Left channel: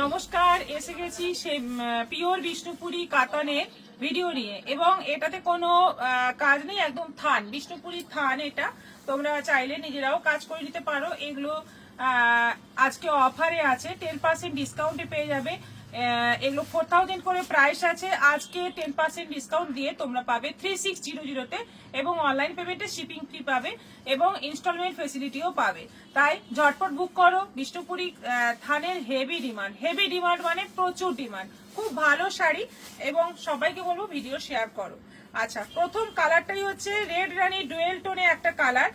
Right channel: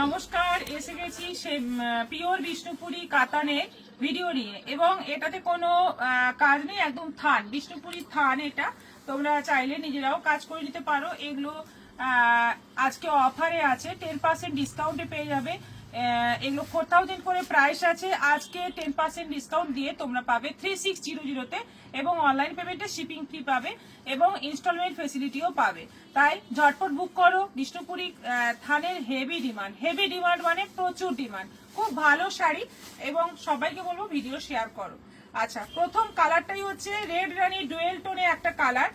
নমস্কার, এসে গেছি সে পিওর বিষ্ণুপুরি কাতানের ভিডিও নিয়ে। এবং এটাতে কোনো কাজ নেই, একদম থান, বিষ্ণুপুরি থান। এটা তোমরা চাইলে নিজেরাও কাজ করে নিতে পারো। এগুলো আজকে অফারে আছে, 10% ডিসকাউন্টে পেয়ে যাবে। এগুলো 4000 করে প্রাইস আছে। আজকে 10% ডিসকাউন্ট দিয়ে তোমরা পাবে 3600-তে, এবং অনলাইন পেমেন্টে শিপিং কি পাবে এবং ইনস্টলমেন্ট ফেসিলিটিও পাবে। তাই ঝটপট বুক করো। বিষ্ণুপুরি থানের হেভি ডিমান্ড মানে প্রচুর ডিমান্ড। খুব ভালো শাড়ি, এবং সবাইকে বলবো ভিডিও শেয়ার করো। আচ্ছা, প্রথম কালারটাই হচ্ছে রেড রানী ডুয়েল টোনে একটা কালার,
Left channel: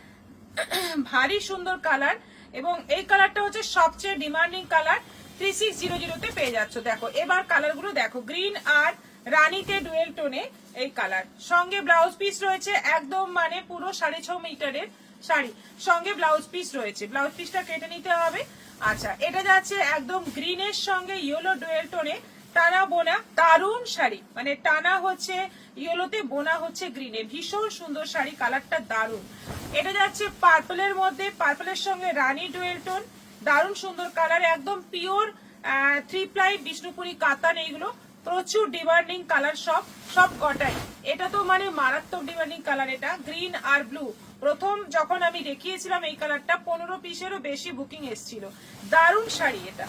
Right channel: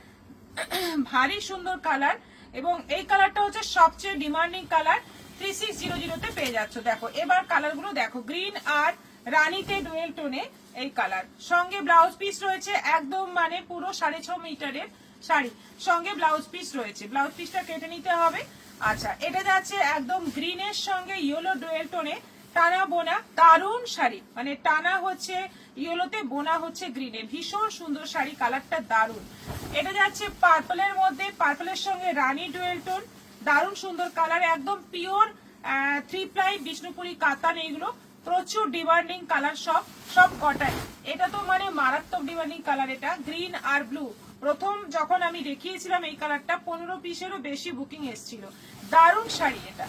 ভারী সুন্দর কালার। এবং এই কালারটা হচ্ছে সবচেয়ে ডিমান্ডিং কালার। 3600-তে পেয়ে যাচ্ছ। দেখো এবার কালারগুলো দেখো, গ্রিন আর রানীকে ডুয়েল টোনে এই কালার। সঙ্গে ব্লাউজ পিস রয়েছে, একদম মানে পুরো 6.5 মিটারের শাড়ি, সঙ্গে ব্লাউজ পিস রয়েছে। ব্লাউজ পিসটা কেটে নিতে হবে। আচ্ছা, এটা যাচ্ছে একদম গ্রিনের সঙ্গে ইয়েলো ডুয়েল টোনে, টানা বোনা দারুণ শাড়ি। মানে টানা হচ্ছে ইয়েলোতে, বোনা হচ্ছে গ্রিনে। ভীষণ সুন্দর শাড়ি, কালারটা দারুণ। এটা যাচ্ছে পার্পলের মধ্যে, পার্পলের সঙ্গে রানী ডুয়েল টোন, দারুণ সুন্দর কালার। একদম পিওর 3 প্লাই বিষ্ণুপুরি কাতান। এইগুলো প্রচুর ডিমান্ডিং কালার, সব কটাই। এটা তো মানে মারাত্মক ডিমান্ডিং কালার। এটা গ্রিন আর ব্লু। প্রথম যখন আমি দেখিয়েছিলাম এই কালারটা, 15 পিসেরও বেশি বুকিং এসেছিল। দারুণ শাড়ি এটা।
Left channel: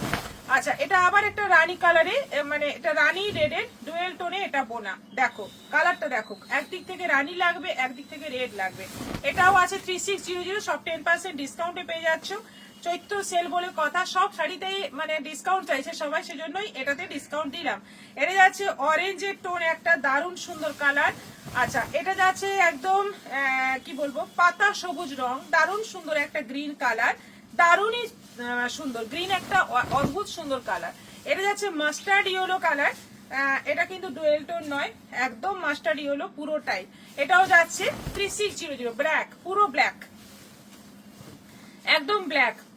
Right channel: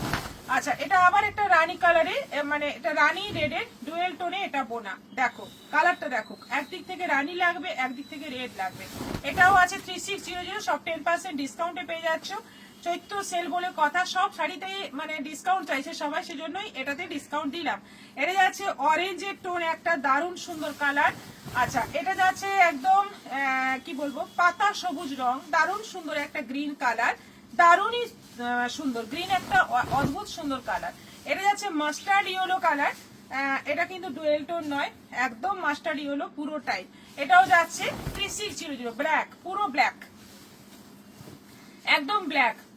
আচ্ছা, এটা আবার একটা রানী কালারে, মানে এটা রানী রেডের ডুয়েল টোনে, এটা বোনা। দেখো কালারটা দেখো, একদিক থেকে রানী লাগবে, একদিক থেকে রেড লাগবে। এটাও আছে 3600, সব 10% ডিসকাউন্টে পেয়ে যাচ্ছ। চৈত্র সেল বলে কথা, সব শাড়িতে মানে ডিসকাউন্ট চাইছে সবাই, সেজন্যই এটাতে ডিসকাউন্ট দিলাম। এটা যাচ্ছে অরেঞ্জের টোন, একটা দারুণ সুন্দর কালার। আচ্ছা, এটা যাচ্ছে একদম কি বলবো, পাতা সবুজ রং, দারুণ সুন্দর একটা গ্রিন কালার, দারুণই সুন্দর গ্রিন, একটা অদ্ভুত সুন্দর কালার। এটা যাচ্ছে মাস্টার্ড ইয়েলো কালার। এটা কিন্তু ডুয়েল টোন নয়, একদম মাস্টার্ড ইয়েলো পুরোটাই। এটাও যাচ্ছে 3600, ব্ল্যাক, পুরো ব্ল্যাক, একদম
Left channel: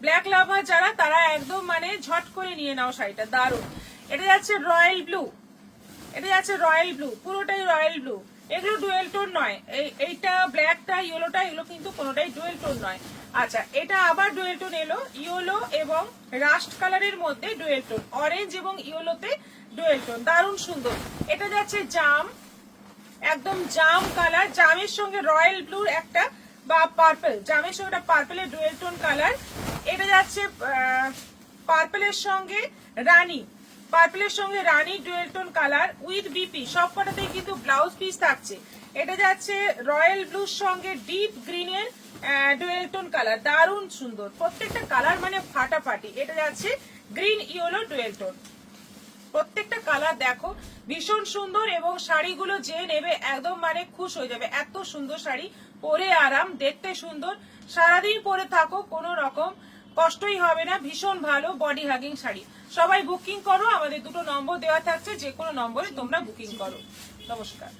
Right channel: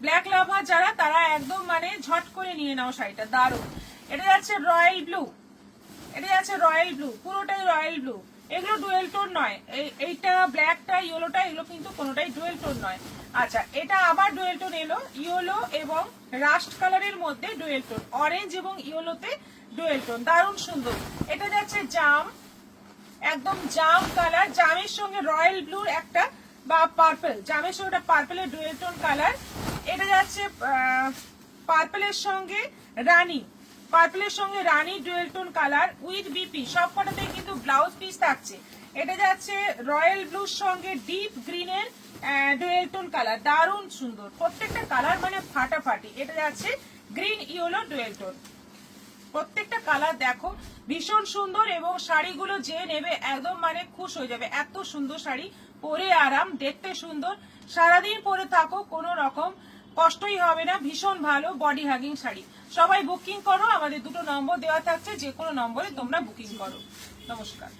ব্ল্যাক লাভার যারা, তারা একদম মানে ঝট করে নিয়ে নাও শাড়িটা, দারুণ। এটা যাচ্ছে রয়্যাল ব্লু, পুরোটাই রয়্যাল ব্লু। এগুলো ডুয়েল টোন নয়, এইটা ব্ল্যাকটা ইয়েলোটা, এগুলো কিন্তু কোনোটাই ডুয়েল টোন নয়। আচ্ছা, এটা আবার ডুয়েল টোন এলো, ইয়েলো এবং রাস্ট কালারের মধ্যে ডুয়েল টোন, অরেঞ্জ এবং ইয়েলোতে ডুয়েল টোন, দারুণ সুন্দর। এটা যাচ্ছে জাম, একদম জাম কালার, জামের সঙ্গে রয়্যাল ব্লুর একটা বা পার্পল, জামের সঙ্গে পার্পলের ডুয়েল টোন কালার। এটা যাচ্ছে পার্পলের সঙ্গে রানী dual tone colour with BP. সব কটাতেই কিন্তু ব্লাউজ পিস থাকছে। এটা যাচ্ছে রয়্যাল ব্লুর সঙ্গে ডিপ গ্রিনের ডুয়েল টোন কালার, দারুণ সুন্দর। প্রত্যেকটা কালার মানে ফাটাফাটি। এটা যাচ্ছে গ্রিন ইয়েলো ডুয়েল টোন। প্রত্যেকটা কালার দেখো ভীষণ সুন্দর, এবং শাড়িগুলো যে নেবে একদম মানে খুশ হয়ে যাবে। এত সুন্দর শাড়ি, পরে আরাম, দেখতে সুন্দর, সারাদিন পরে থাকো, কোনো রকম কষ্টই হবে না। ভীষণ ভালো বডি হাগিং শাড়ি। সবাই বুকিং করো, আমাদের দুটো নম্বর দেওয়া থাকছে, যে কোনো নম্বরে তোমরা বুকিং করো। নমস্কার।